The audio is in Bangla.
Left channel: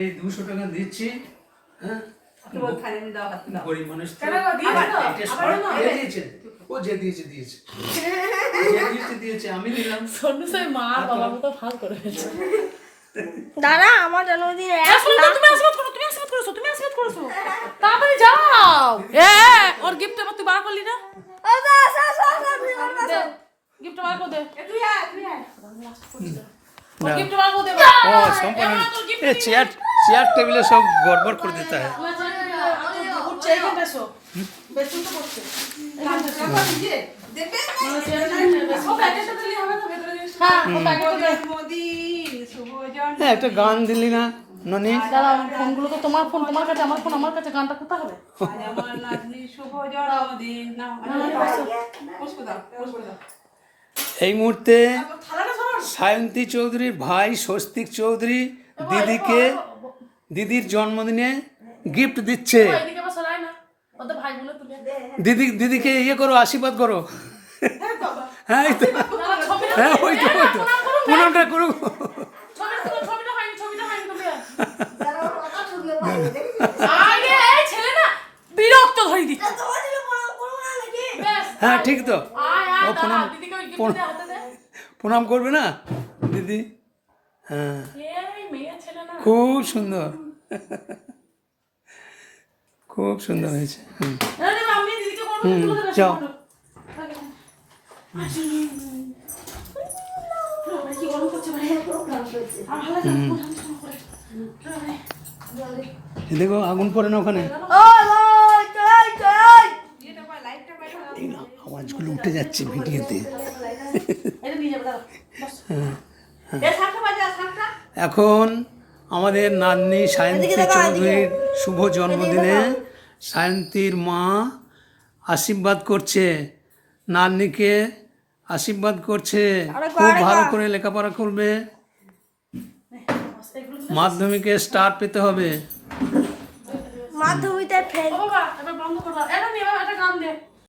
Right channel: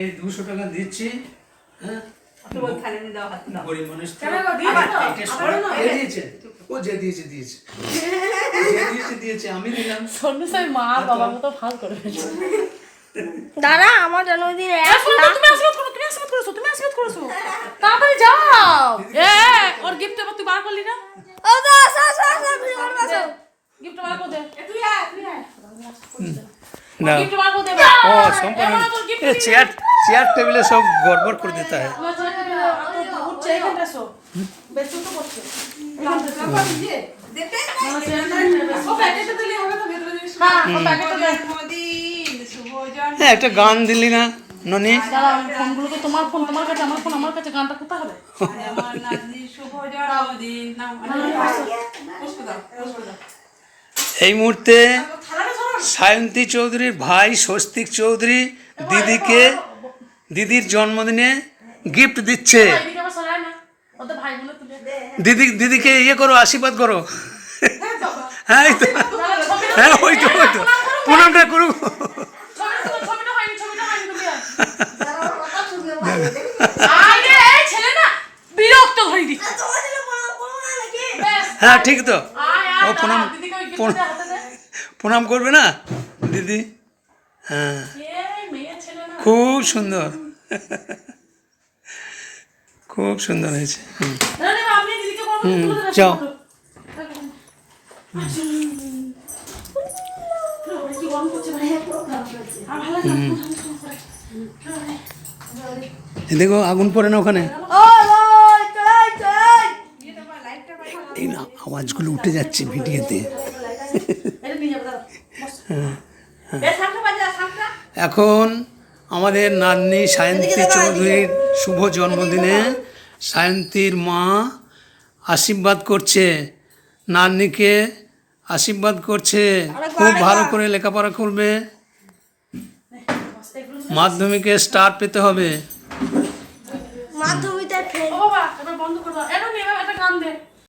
200 টাকা দিচ্ছি। হ্যাঁ গরিব মানুষ দিয়েছে আমি দিলাম। দাদা আমার জন্মদিন তাড়াতাড়ি যাও। ওর গিফট আবার তুই বার করলি না? গিফট বার করে দে। তুই আয় না গিফট বার করে দে। ও সম্পূর্ণ চেয়ার টেবিলে সব গড়বড় করে দিতে হয়। উঠছে এইখানটা সব বেশি তো করছে হ্যাঁ একটা গান দিলি না ননি? ফোনগুলো তো তোমার ফোন তোমার কাছে, আমার ফোন আমার কাছে, গানটা কোথা হবে? এই মুহূর্তে সায়ন্তী চৌধুরীর ভাই স্বস্তিক চৌধুরী দিদির জন্মদিনে গিফট দিচ্ছে। দিদিকে ইয়ে করো, আশীর্বাদ করো। হ্যাঁ এই তো, হ্যাঁ ওই তো প্রণামটা করুক। হ্যাঁ ঠিক তো, ও প্রণাম করবে না দিদি? হ্যাঁ খুব সুন্দর, খুব সুন্দর হয়েছে। যাও দেখো আগুন পড়ে না ওখানে। এই না আওয়াজগুলো উঠে যাচ্ছে ভিডিওতে। এখন আমাদের নাতনি সায়ন্তী চৌধুরীর শুভ জন্মদিনে সায়ন্তীর মা আশীর্বাদ করছে, নাতনিকে আশীর্বাদ করছে খুব ভালো করে লেখাপড়া করবে, মাধ্যমিকে স্টার পেতে হবে। মাধ্যমিকে বন্ধ করবা। এটা গান দে।